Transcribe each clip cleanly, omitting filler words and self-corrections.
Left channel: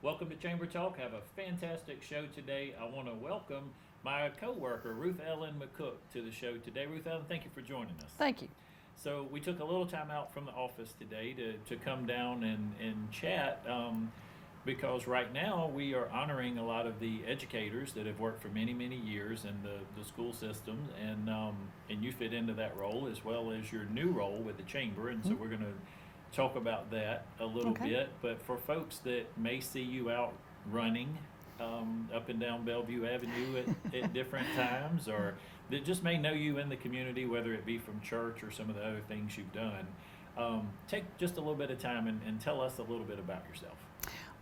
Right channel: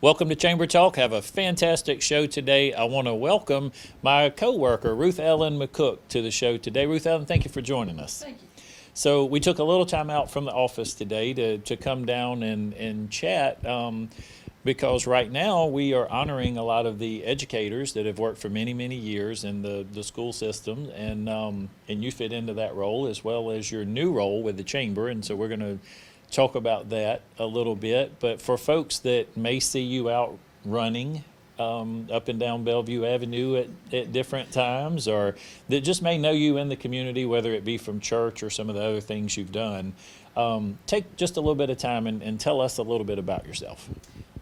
Welcome to Chamber Talk. Have a fantastic show today. I want to welcome my co-worker, Ruth Ellen McCook, to the show today. Ruth Ellen, thank you for joining us. Thank you. So we took a little time out from the office today to come down and chat because right now we are honoring a lot of the educators that have worked for many, many years in the school system, and you fit into that role as well as your new role with the Chamber, and so we're going to talk about that a little bit. But for folks that may see you out running up and down Bellevue Avenue at different times, or that just may know you in the community, whether it be from church or some of the other things you've done, take just a little bit of time and tell us a little bit about yourself.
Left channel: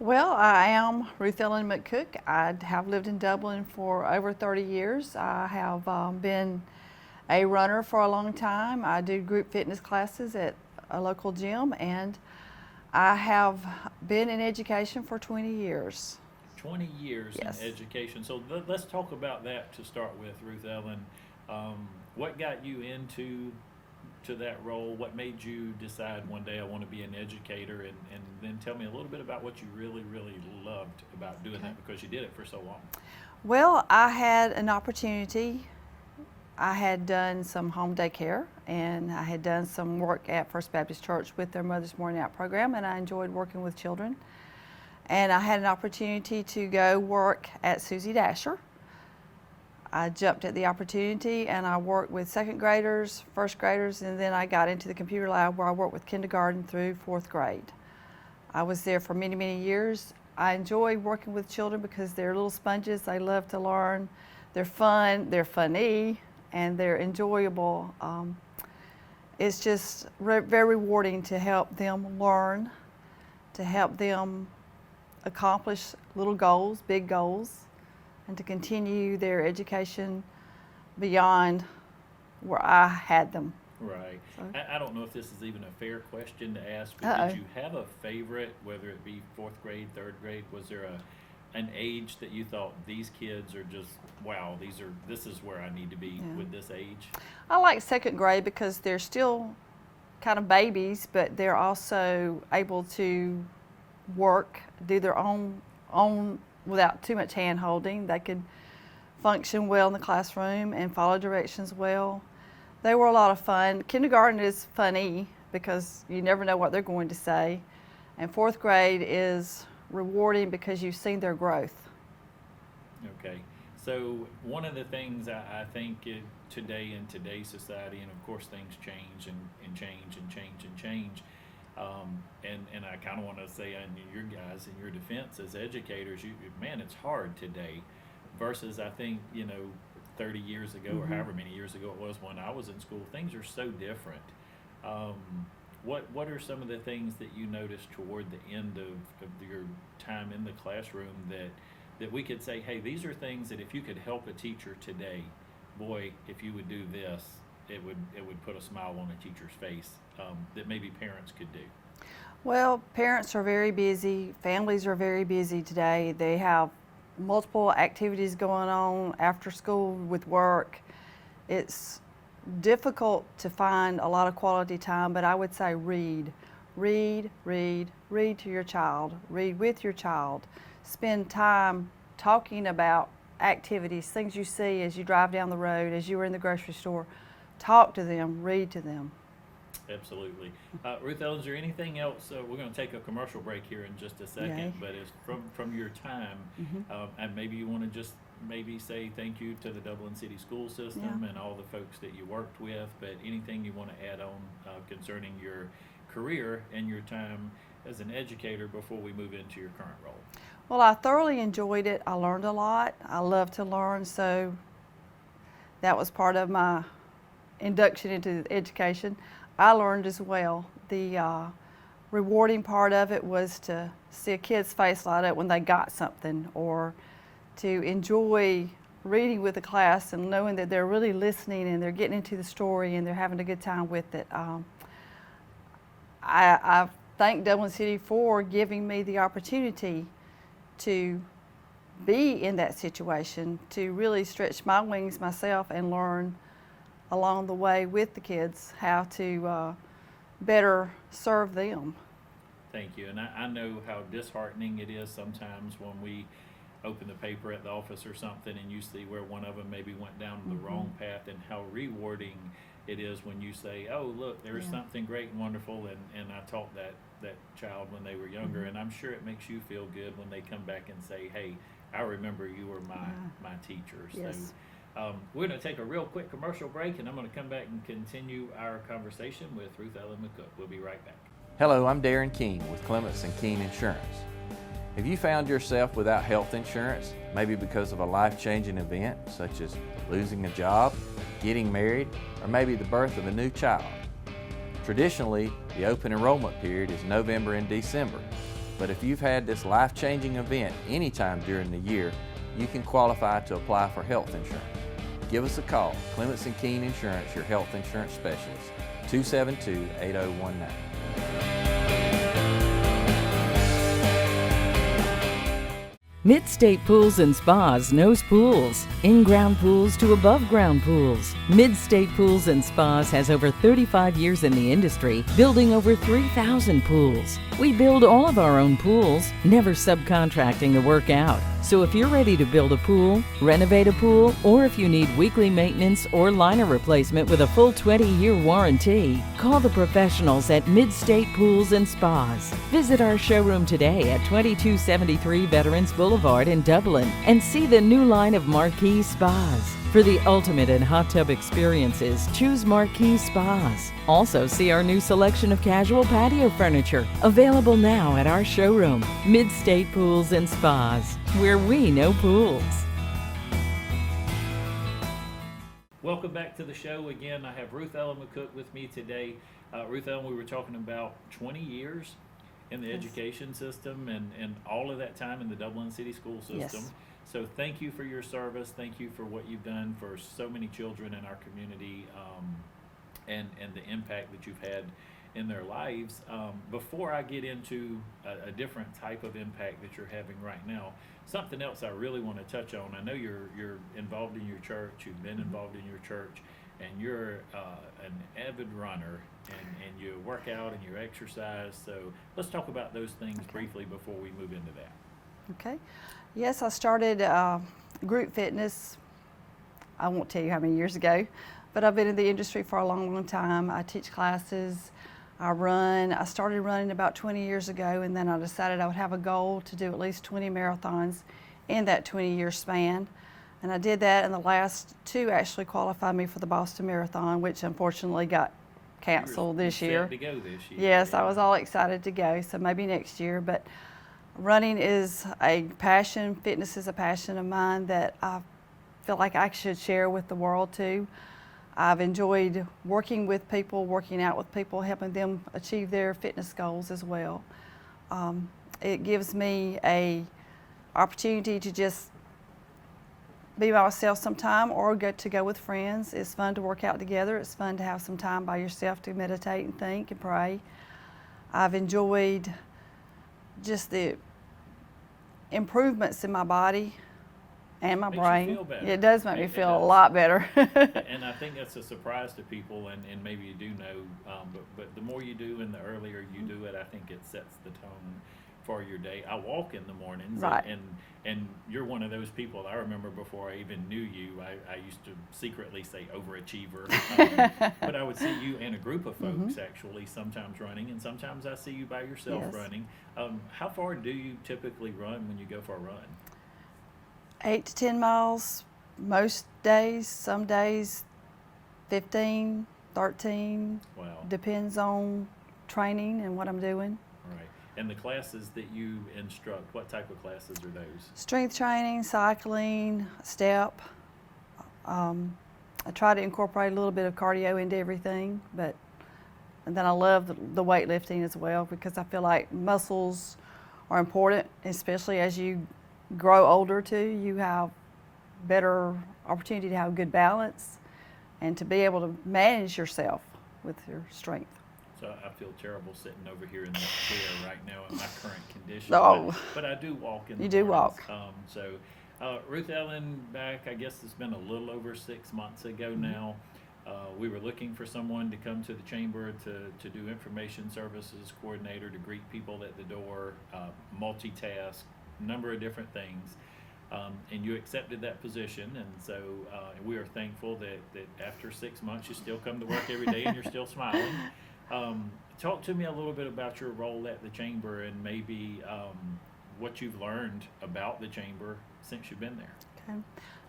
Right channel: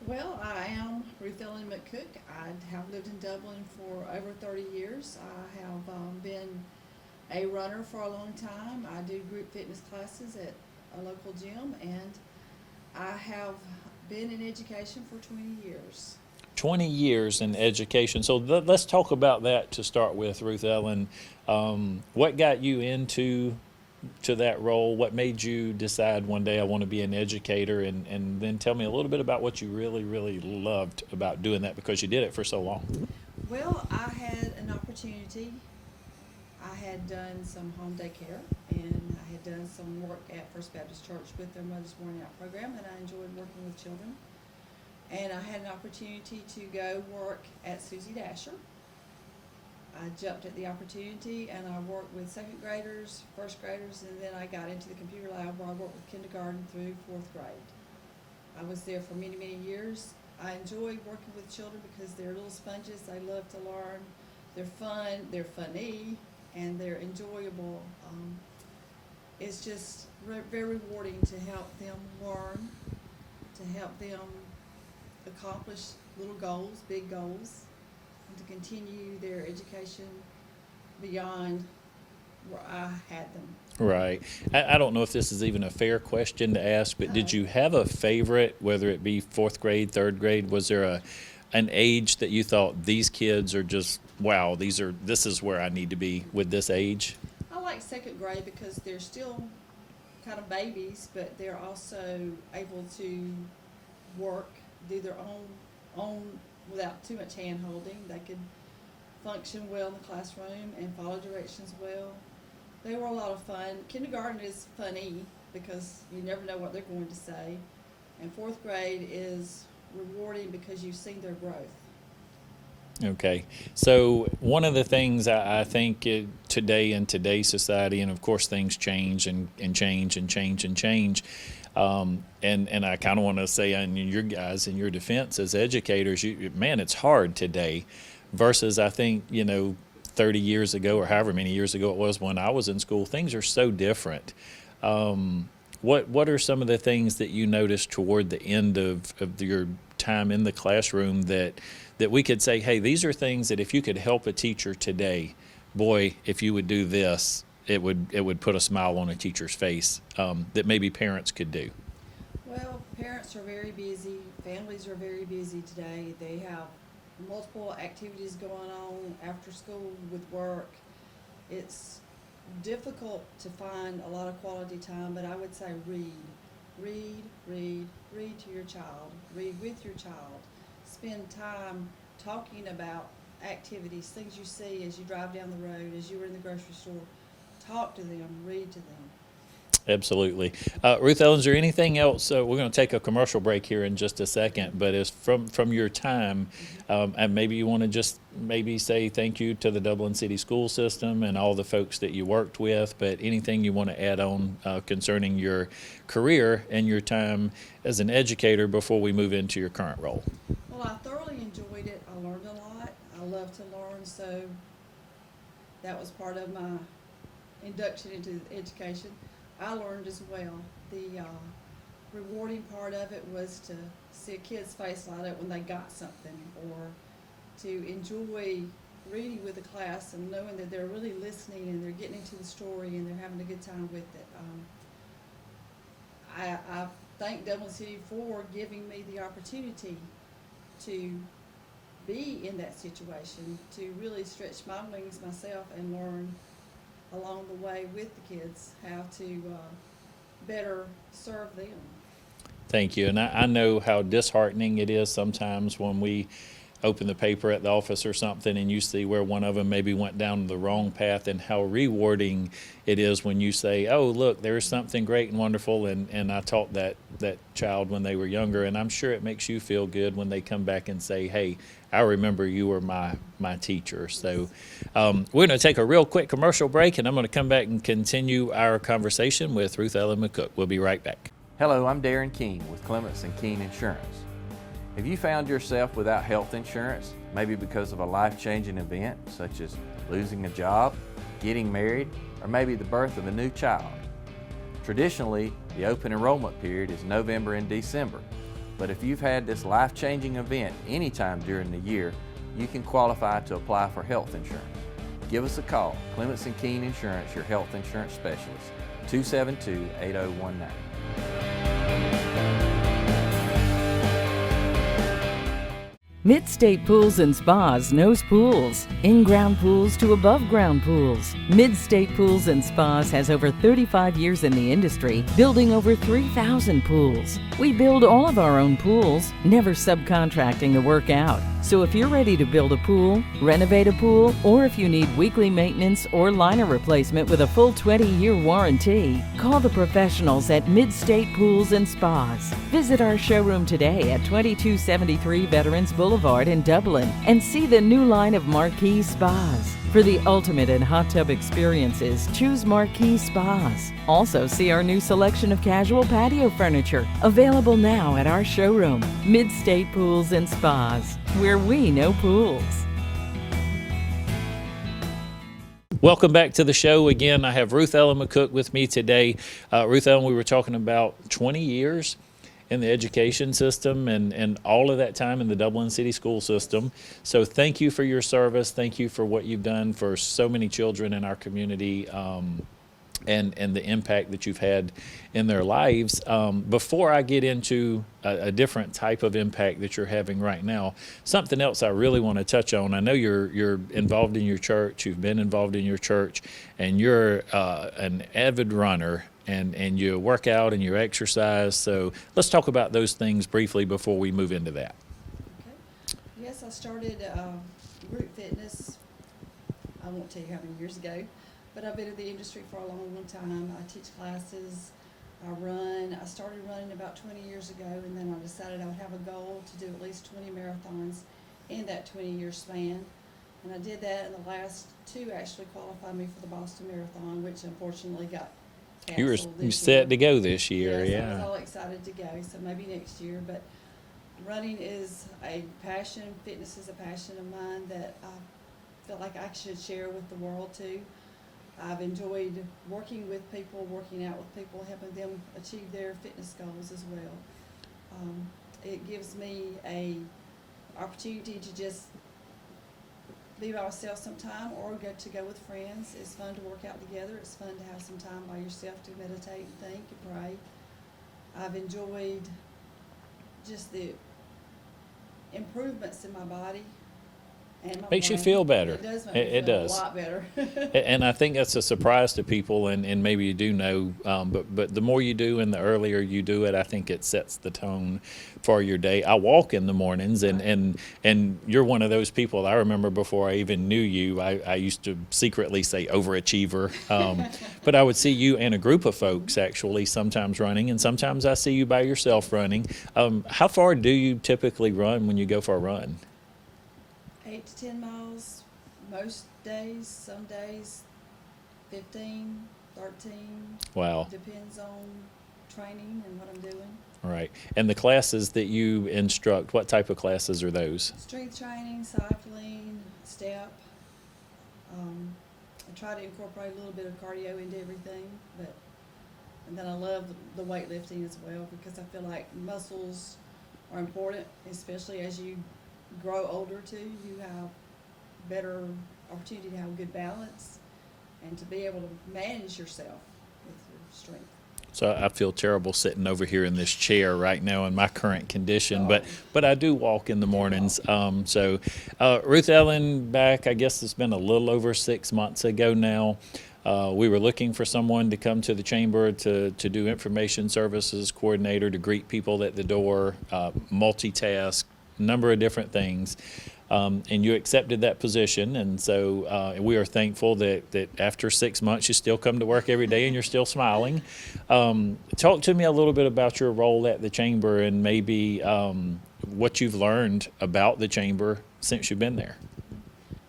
Well, I am Ruth Ellen McCook. I have lived in Dublin for over 30 years. I have been a runner for a long time. I do group fitness classes at a local gym, and I have been in education for 20 years. 20 years in Yes. education. So let's talk about that to start with, Ruth Ellen. What got you into that role? What made you decide one day I want to be an educator? And then tell me a little bit about what you really, really loved about doing that, because you did it for so long. Well, I had an opportunity. I had done some home daycare, and I had done some work at First Baptist Church with their Mother's Morning Out program, and I enjoyed working with children. And I had an opportunity to go work at Susie Dasher. I jumped at the opportunity, and I worked with second graders, first graders, and then I got into the computer lab where I worked with kindergarten through fourth grade. I was there for many, many years. I enjoy working with children because they're little sponges. They love to learn. They're fun, they're funny, and they're enjoyable. It's just very rewarding to help them learn, to help them accomplish little goals, big goals, and to continue their education beyond where I had them. Right. I don't know if this is even a fair question to ask, but did you have a favorite, whether it be fourth grade, third grade? Was there an age that you thought these kids are just, wow, this is where I need to be with this age? I like second grade because they're still kind of babies, but they're also able to work, do their own without too much hand holding. They could function well in the classroom and follow directions well. They were a lot of fun. Kindergarten is funny because you never know what they're going to say. And fourth grade is rewarding because you've seen their growth. Okay. So one of the things I think today in today's society, and of course things change and change and change and change, and I kind of want to say in your guys, in your defense as educators, man, it's hard today versus I think, 30 years ago or however many years ago it was when I was in school. Things are so different. What are some of the things that you noticed toward the end of your time in the classroom that we could say, hey, these are things that if you could help a teacher today, boy, if you would do this, it would put a smile on a teacher's face, that maybe parents could do? Well, parents are very busy. Families are very busy today. They have multiple activities going on after school with work. It's difficult to find a lot of quality time, but I would say read to your child, read with your child, spend time talking about activities, things you see as you drive down the road, as you were in the grocery store. Talk to them, read to them. Absolutely. Ruth Ellen, is there anything else? We're going to take a commercial break here in just a second, but as from your time, and maybe you want to just maybe say thank you to the Dublin City School System and all the folks that you worked with, but anything you want to add on concerning your career and your time as an educator before we move into your current role? Well, I thoroughly enjoyed it. I learned a lot. I love to learn, so that was part of my induction into education. I learned as well. The rewarding part of it was to see a kid's face light up when they got something, or to enjoy reading with the class and knowing that they're really listening and they're getting into the story and they're having a good time with it. I thank Dublin City for giving me the opportunity to be in that situation, to really stretch my wings myself and learn along the way with the kids how to better serve them. Thank you. And I know how disheartening it is sometimes when we open the paper at the office or something and you see where one of them maybe went down the wrong path, and how rewarding it is when you say, oh, look, there's something great and wonderful, and I taught that child when they were younger. And I'm sure it makes you feel good when they come back and say, hey, I remember you were my teacher. Yes. So we're going to take a real quick commercial break, and I'm going to come back and continue our conversation with Ruth Ellen McCook. We'll be right back. Hello, I'm Darren Keene with Clements & Keene Insurance. Have you found yourself without health insurance, maybe because of a life-changing event such as losing a job, getting married, or maybe the birth of a new child? Traditionally, the open enrollment period is November and December, but if you've had this life-changing event anytime during the year, you can qualify to apply for health insurance. Give us a call, Clements & Keene Insurance, your health insurance specialist, 272-8019. Mid-State Pools and Spas knows pools, in-ground pools to above-ground pools. Mid-State Pools and Spas has over 35 years in the industry, building over 3,000 pools. We build all of our own pools, never subcontracting the work out. So if you're ready to build a pool, renovate a pool, or if you need weekly maintenance or liner replacement with a full 20-year warranty, call the professionals at Mid-State Pools and Spas. Visit our showroom today at 2273 Veterans Boulevard in Dublin and see the new line of Marquee Spas. For the ultimate in hot tub experiences, choose Marquee Spas. Also, see our new selection of casual patio furniture, available now at our showroom, Mid-State Pools and Spas, where we know pools. Welcome back to the show. Again, I have Ruth Ellen McCook with me today. Ruth Ellen, we were talking about 20 years in the education system and all of that time in the Dublin City School System. Yes. So thank you for your service. Thank you for what you've done for so many children in our community, and the impact that you've had in their lives. Before I get into a different type of impact that you're having right now, something else I really want to touch on. I know you're involved in your church. You've been involved in your church, and you're an avid runner. And you work out and you exercise. So let's talk about those things briefly before we move into that. Okay. Yes, I started group fitness, I won't tell you how many years ago, but I've been in the industry for a long, long time. I teach classes, I run. I started running about 20 years ago, and then I decided I would have a goal to do at least 20 marathons in that 20-year span. And I did that, and the last two actually qualified me for the Boston Marathon, which unfortunately got canceled this year. You set to go this year. Yes, yeah. I was all excited to go, so maybe next year. But running is a passion, fitness is a passion of mine that I feel like I should share with the world too. I've enjoyed working with people, working out with people, helping them achieve their fitness goals as well. It gives me a opportunity to just be by myself sometime or go with friends. It's fun to work out together. It's fun to have some time by yourself to meditate and think and pray. I've enjoyed just the improvements in my body and my brain. Makes you feel better. It does make me feel a does. lot better. And I think that's a surprise to people, and maybe you do know, but the more you do and the earlier you do it, I think it sets the tone for your day. I walk in the mornings, Right. and you're one of those people. I remember before I even knew you, I used to secretly say overachiever, but I would see you and a group of folks actually sometimes running, and sometimes I see you by yourself Yes. running. How far do you typically run when you go for a run? 8 to 10 miles most days, some days 15, 13. Wow. Depends on training and what I'm doing. Right. And the classes that you instruct, what type of classes are those? Strength training, cycling, step. I try to incorporate a little bit of cardio into everything, and then I love the weightlifting as well, because I feel like muscles are important, especially as you grow older too. You have better opportunity to have good balance and to be able to manage yourself with your strength. So I feel terrible sitting over here in this chair right now in my current condition, Oh. but I do walk in the You do mornings. Ruth Ellen, back, I guess it's been a little over 6 months ago now, We were looking for someone to come to the chamber to do information services coordinator, to greet people at the door, multitask, number of different things. And you accepted that position, and so we are thankful that after 6 months you still come to work every day and you're still smiling. Talk to me a little bit about your role at the chamber and maybe what you've learned about the chamber since you've been there.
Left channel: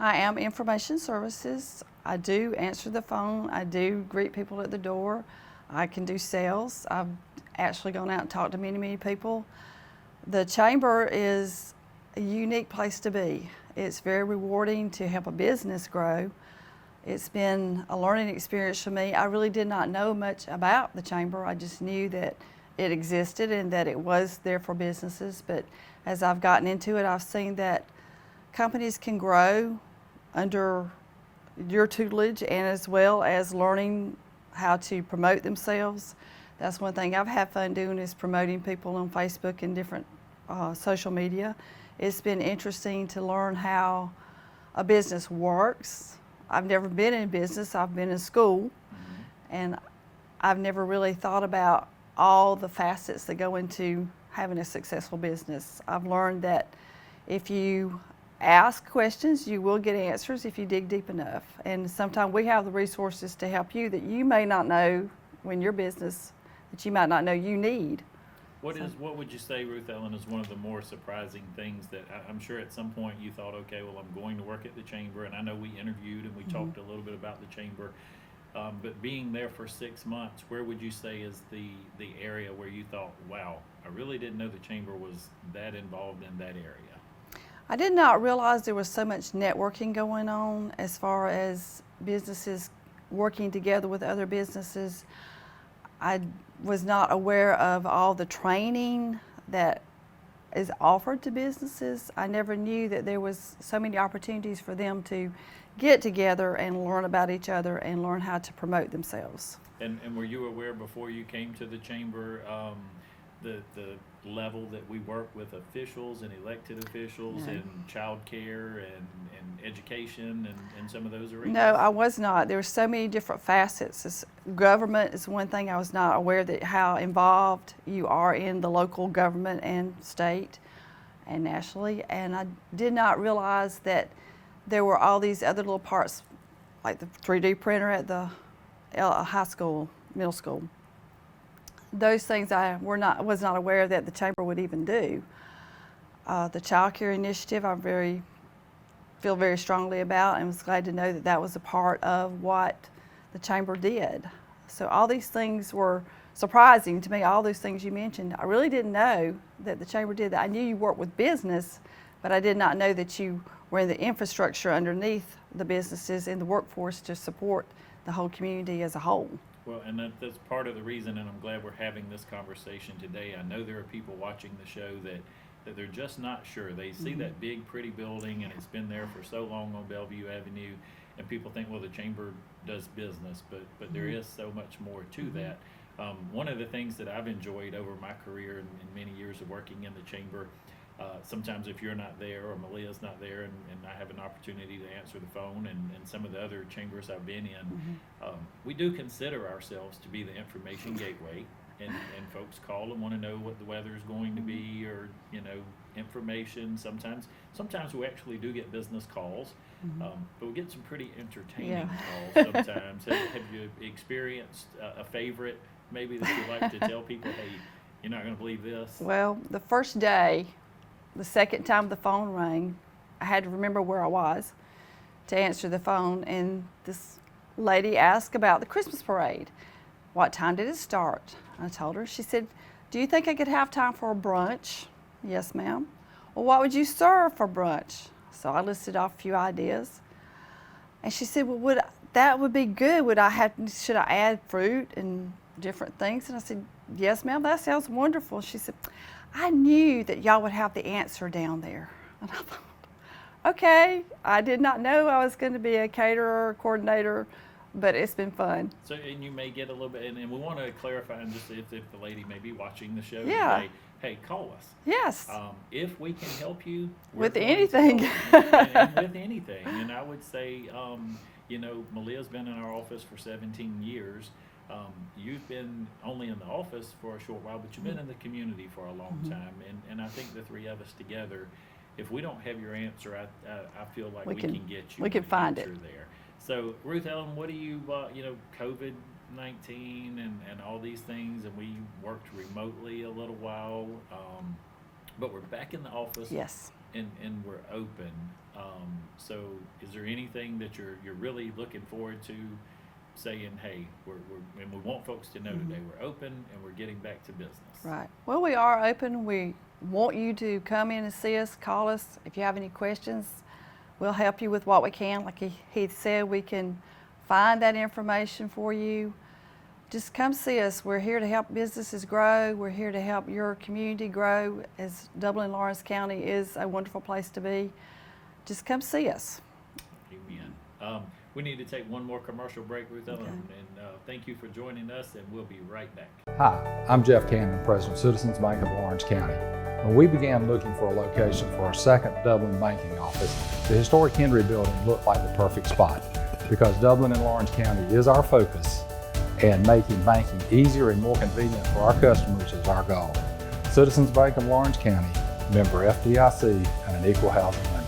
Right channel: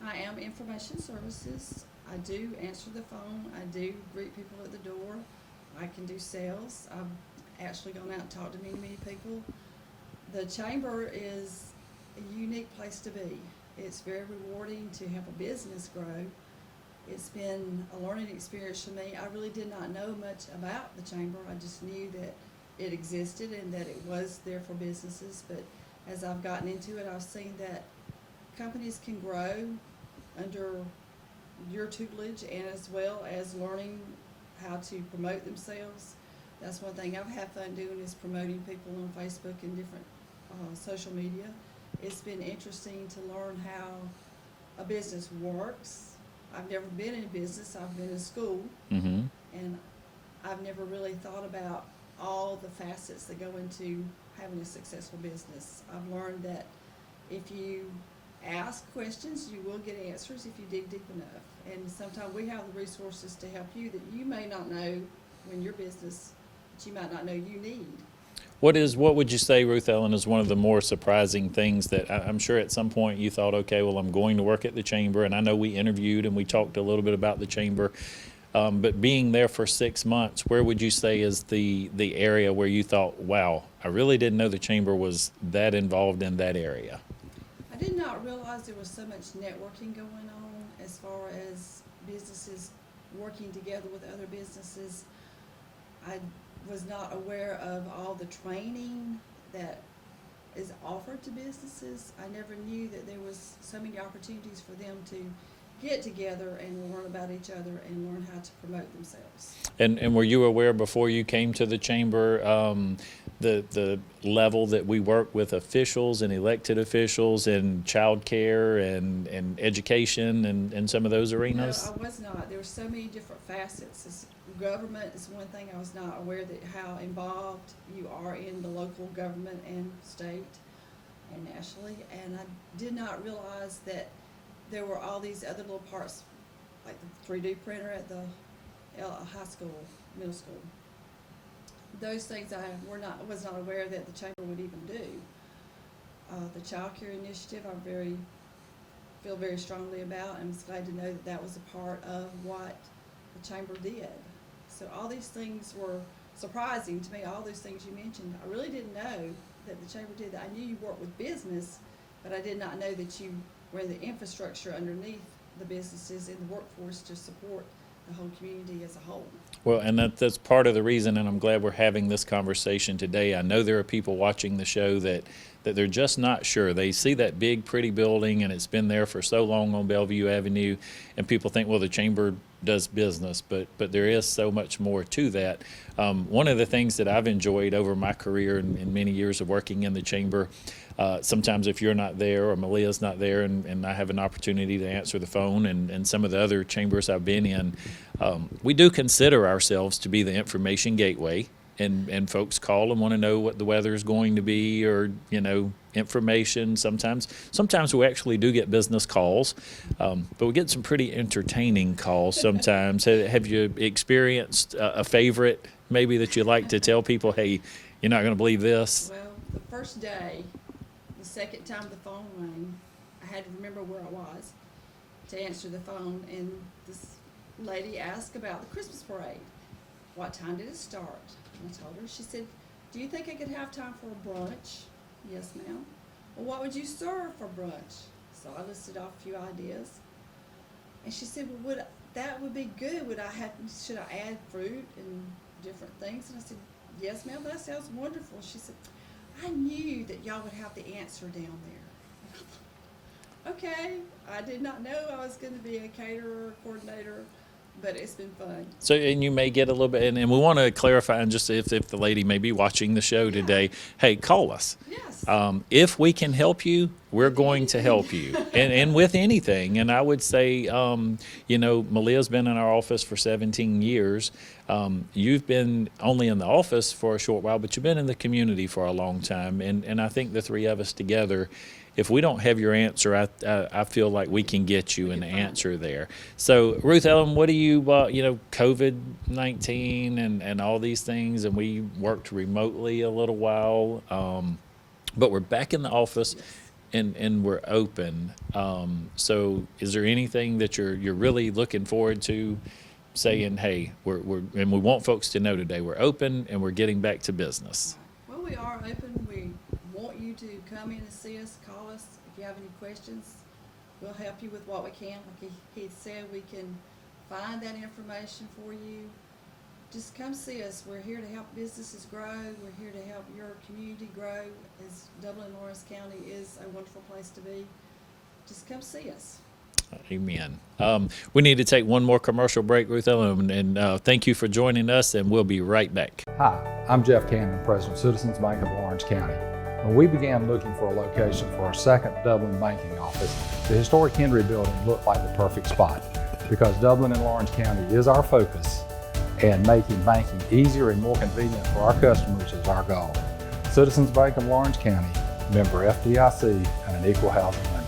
I am information services. I do answer the phone. I do greet people at the door. I can do sales. I've actually gone out and talked to many, many people. The chamber is a unique place to be. It's very rewarding to help a business grow. It's been a learning experience for me. I really did not know much about the chamber. I just knew that it existed and that it was there for businesses. But as I've gotten into it, I've seen that companies can grow under your tutelage and as well as learning how to promote themselves. That's one thing I've had fun doing, is promoting people on Facebook and different social media. It's been interesting to learn how a business works. I've never been in business. I've been in school, and I've never really thought about all the facets that go into having a successful business. I've learned that if you ask questions, you will get answers if you dig deep enough. And sometimes we have the resources to help you that you may not know when your business, that you might not know you need. What would you say, Ruth Ellen, is one of the more surprising things that I'm sure at some point you thought, okay, well, I'm going to work at the chamber, and I know we interviewed and we talked a little bit about the chamber, but being there for 6 months, where would you say is the area where you thought, wow, I really didn't know the chamber was that involved in that area? I did not realize there was so much networking going on as far as businesses working together with other businesses. I was not aware of all the training that is offered to businesses. I never knew that there was so many opportunities for them to get together and learn about each other and learn how to promote themselves. And were you aware before you came to the chamber the level that we work with officials and elected officials in child care and education and some of those arenas? No, I was not. There were so many different facets. Government is one thing I was not aware that how involved you are in the local government and state and nationally. And I did not realize that there were all these other little parts, like the 3D printer at the high school, middle school. Those things I was not aware that the chamber would even do. The child care initiative I feel very strongly about, and was glad to know that that was a part of what the chamber did. So all these things were surprising to me, all those things you mentioned. I really didn't know that the chamber did that. I knew you worked with business, but I did not know that you were in the infrastructure underneath the businesses in the workforce to support the whole community as a whole. Well, and that's part of the reason, and I'm glad we're having this conversation today. I know there are people watching the show that they're just not sure. They see that big, pretty building, and it's been there for so long on Bellevue Avenue, and people think, well, the chamber does business, but there is so much more to that. One of the things that I've enjoyed over my career and many years of working in the chamber, sometimes if you're not there or Malia's not there and I have an opportunity to answer the phone and some of the other chambers I've been in, we do consider ourselves to be the information gateway. And folks call and want to know what the weather is going to be, or information. Sometimes we actually do get business calls, but we get some pretty entertaining calls sometimes. Have you experienced a favorite maybe that you like to tell people, hey, you're not going to believe this? Well, the first day, the second time the phone rang, I had to remember where I was to answer the phone, and this lady asked about the Christmas parade. What time did it start? I told her. She said, do you think I could have time for a brunch? Yes, ma'am. Well, what would you serve for brunch? So I listed off a few ideas. And she said, well, that would be good. Should I add fruit and different things? And I said, yes, ma'am, that sounds wonderful. She said, I knew that y'all would have the answer down there. And I thought, okay. I did not know I was going to be a caterer, coordinator, but it's been fun. So, and you may get a little bit, and we want to clarify, and just if the lady may be watching the show Yeah. today, hey, call us. Yes. If we can help you, we're With going to anything. help you, and with anything. And I would say, Malia's been in our office for 17 years. You've been only in the office for a short while, but you've been in the community for a long time. And I think the three of us together, if we don't have your answer, I feel like we can get you we an can find answer it. there. So, Ruth Ellen, what do you, COVID-19 and all these things, and we worked remotely a little while, but we're back in the office. Yes. And we're open. So is there anything that you're really looking forward to, saying, hey, and we want folks to know today we're open and we're getting back to business? Right. Well, we are open. We want you to come in and see us, call us. If you have any questions, we'll help you with what we can. Like he said, we can find that information for you. Just come see us. We're here to help businesses grow. We're here to help your community grow, as Dublin Lawrence County is a wonderful place to be. Just come see us. Amen. We need to take one more commercial break, Ruth Ellen, and thank you for joining us, and we'll be right back. Hi, I'm Jeff Cannon, President of Citizens Bank of Lawrence County. When we began looking for a location for our second Dublin banking office, the historic Henry Building looked like the perfect spot because Dublin and Lawrence County is our focus, and making banking easier and more convenient for our customers is our goal. Citizens Bank of Lawrence County, member FDIC, and an equal housing lender.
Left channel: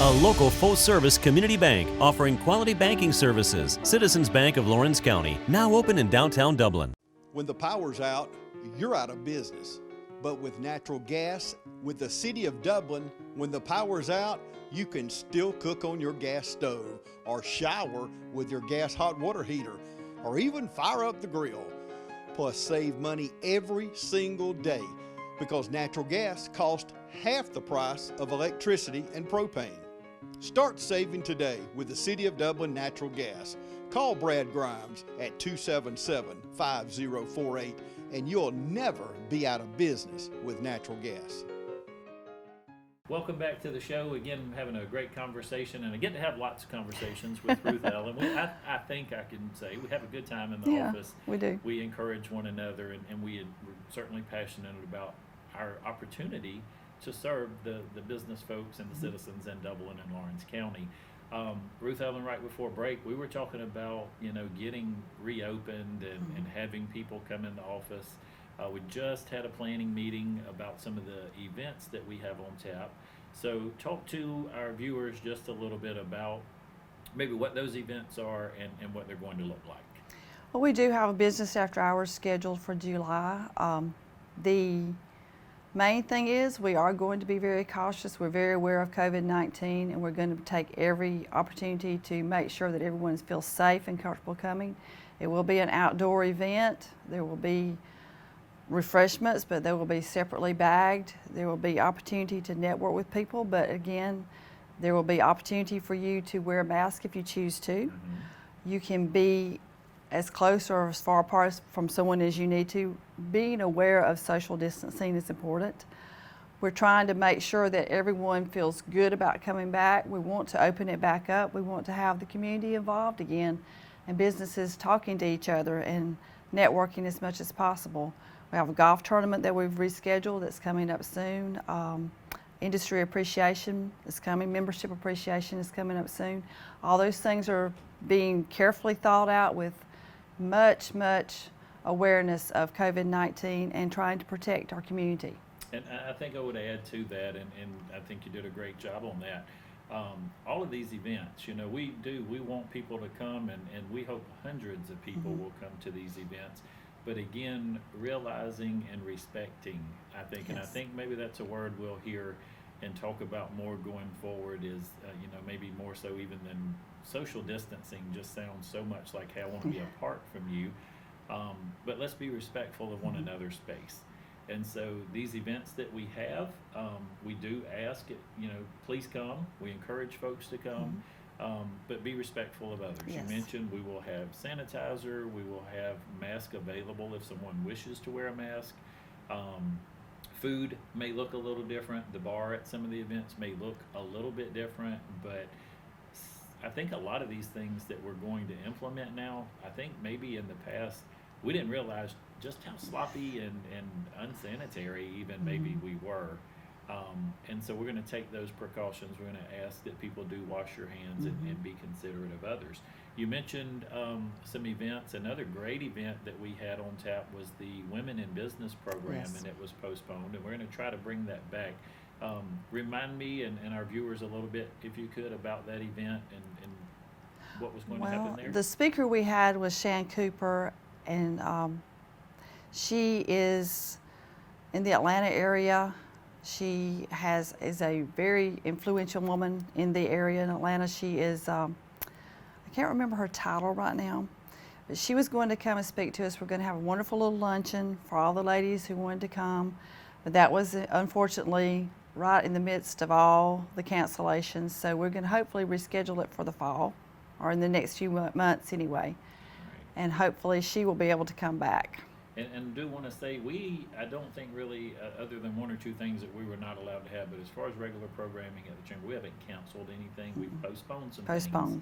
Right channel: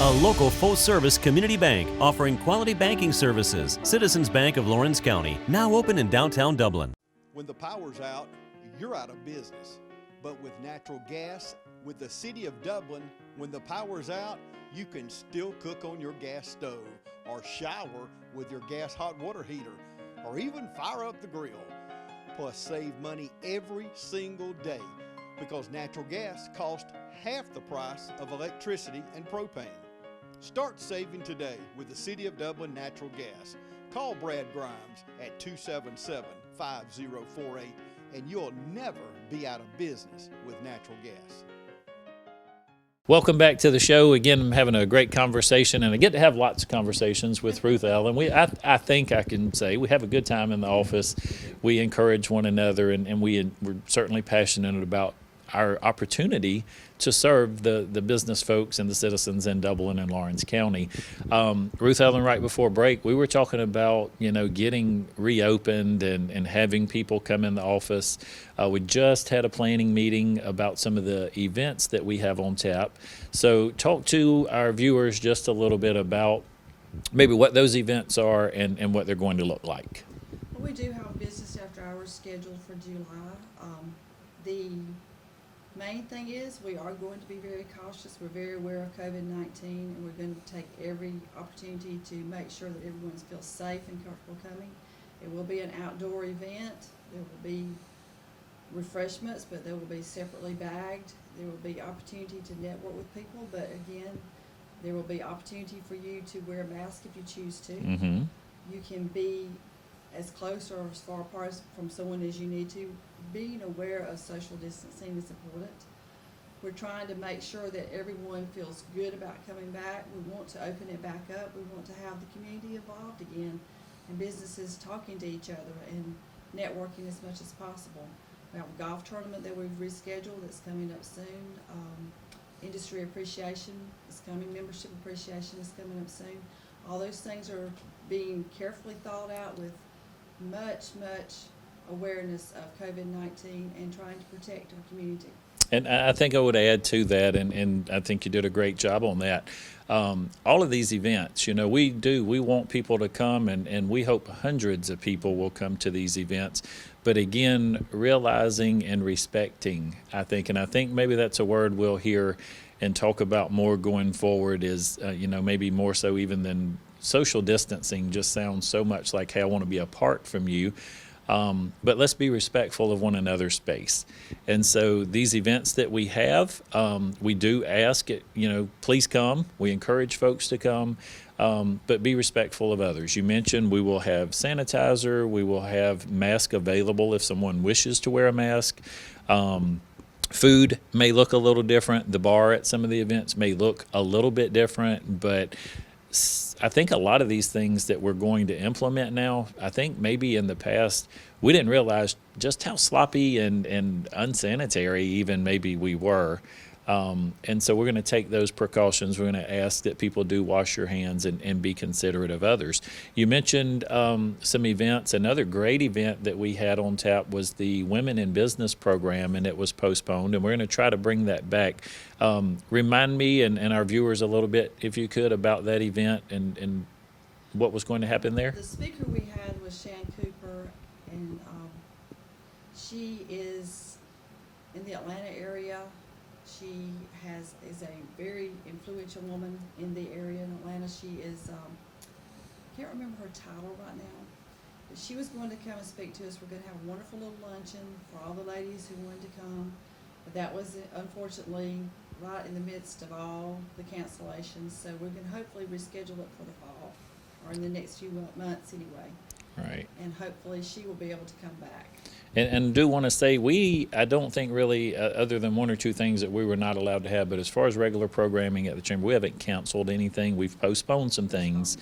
A local full-service community bank offering quality banking services. Citizens Bank of Lawrence County, now open in downtown Dublin. When the power's out, you're out of business. But with natural gas, with the City of Dublin, when the power's out, you can still cook on your gas stove or shower with your gas hot water heater or even fire up the grill. Plus save money every single day because natural gas costs half the price of electricity and propane. Start saving today with the City of Dublin Natural Gas. Call Brad Grimes at 277-5048 and you'll never be out of business with natural gas. Welcome back to the show. Again, I'm having a great conversation, and I get to have lots of conversations with Ruth Ellen. I think I can say we have a good time in the office. We do. We encourage one another, and we're certainly passionate about our opportunity to serve the business folks and the citizens in Dublin and Lawrence County. Ruth Ellen, right before break, we were talking about, getting reopened and having people come in the office. We just had a planning meeting about some of the events that we have on tap. So talk to our viewers just a little bit about maybe what those events are and what they're going to look like. Well, we do have a business after hours scheduled for July. The main thing is we are going to be very cautious. We're very aware of COVID-19, and we're going to take every opportunity to make sure that everyone feels safe and comfortable coming. It will be an outdoor event. There will be refreshments, but they will be separately bagged. There will be opportunity to network with people, but again, there will be opportunity for you to wear a mask if you choose to. Mm-hmm. You can be as close or as far apart from someone as you need to. Being aware of social distancing is important. We're trying to make sure that everyone feels good about coming back. We want to open it back up. We want to have the community involved again and businesses talking to each other and networking as much as possible. We have a golf tournament that we've rescheduled that's coming up soon. Industry appreciation is coming. Membership appreciation is coming up soon. All those things are being carefully thought out with much awareness of COVID-19 and trying to protect our community. And I think I would add to that, and I think you did a great job on that. All of these events, we want people to come, and we hope hundreds of people will come to these events. But again, realizing and respecting, I think maybe that's a word we'll hear and talk about more going forward is, maybe more so even than social distancing just sounds so much like, hey, I want to be apart from you. But let's be respectful of one another's space. And so these events that we have, we do ask, please come. We encourage folks to come, but be respectful of others. You mentioned we will have sanitizer. We will have masks available if someone wishes to wear a mask. Food may look a little different. The bar at some of the events may look a little bit different, but I think a lot of these things that we're going to implement now, I think maybe in the past we didn't realize just how sloppy and unsanitary even maybe we were. And so we're going to take those precautions. We're going to ask that people do wash your hands and be considerate of others. You mentioned some events. Another great event that we had on tap was the Women in Business program, and it was postponed, and we're going to try to bring that back. Remind me and our viewers a little bit, if you could, about that event and what was going to happen there. The speaker we had was Shan Cooper, and she is in the Atlanta area. She is a very influential woman in the area in Atlanta. She is, I can't remember her title right now, but she was going to come and speak to us. We're going to have a wonderful little luncheon for all the ladies who wanted to come. But that was unfortunately right in the midst of all the cancellations. So we're going to hopefully reschedule it for the fall, or in the next few months anyway. Right. And hopefully she will be able to come back. And do want to say, I don't think really, other than one or two things that we were not allowed to have, but as far as regular programming at the Chamber, we haven't canceled anything. We've postponed some things.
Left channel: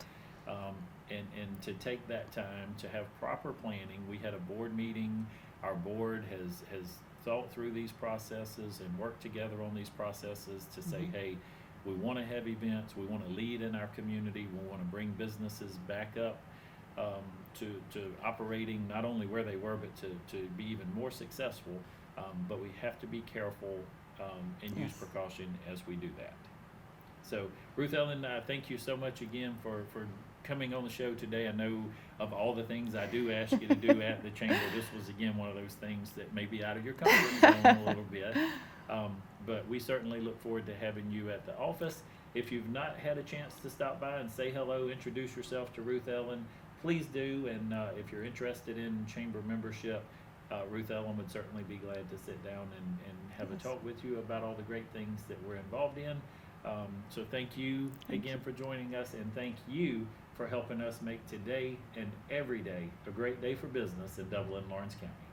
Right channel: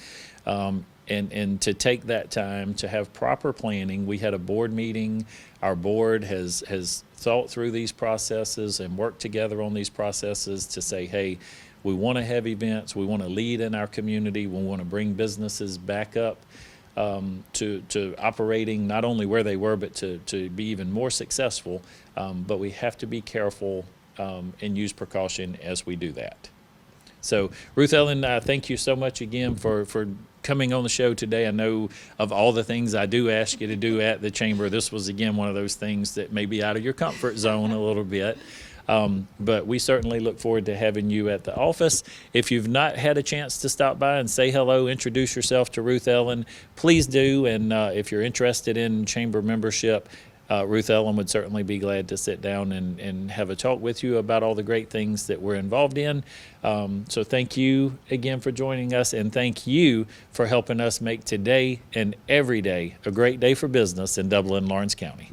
And to take that time to have proper planning, we had a board meeting. Our board has thought through these processes and worked together on these processes to say, hey, we want to have events. We want to lead in our community. We want to bring businesses back up to operating not only where they were, but to be even more successful. But we have to be careful and use precaution as we do that. So, Ruth Ellen, thank you so much again for coming on the show today. I know of all the things I do ask you to do at the Chamber, this was, again, one of those things that may be out of your comfort zone a little bit. But we certainly look forward to having you at the office. If you've not had a chance to stop by and say hello, introduce yourself to Ruth Ellen, please do. And if you're interested in Chamber membership, Ruth Ellen would certainly be glad to sit down and have a talk with you about all the great things that we're involved in. So thank you again for joining us, and thank you for helping us make today and every day a great day for business in Dublin, Lawrence County.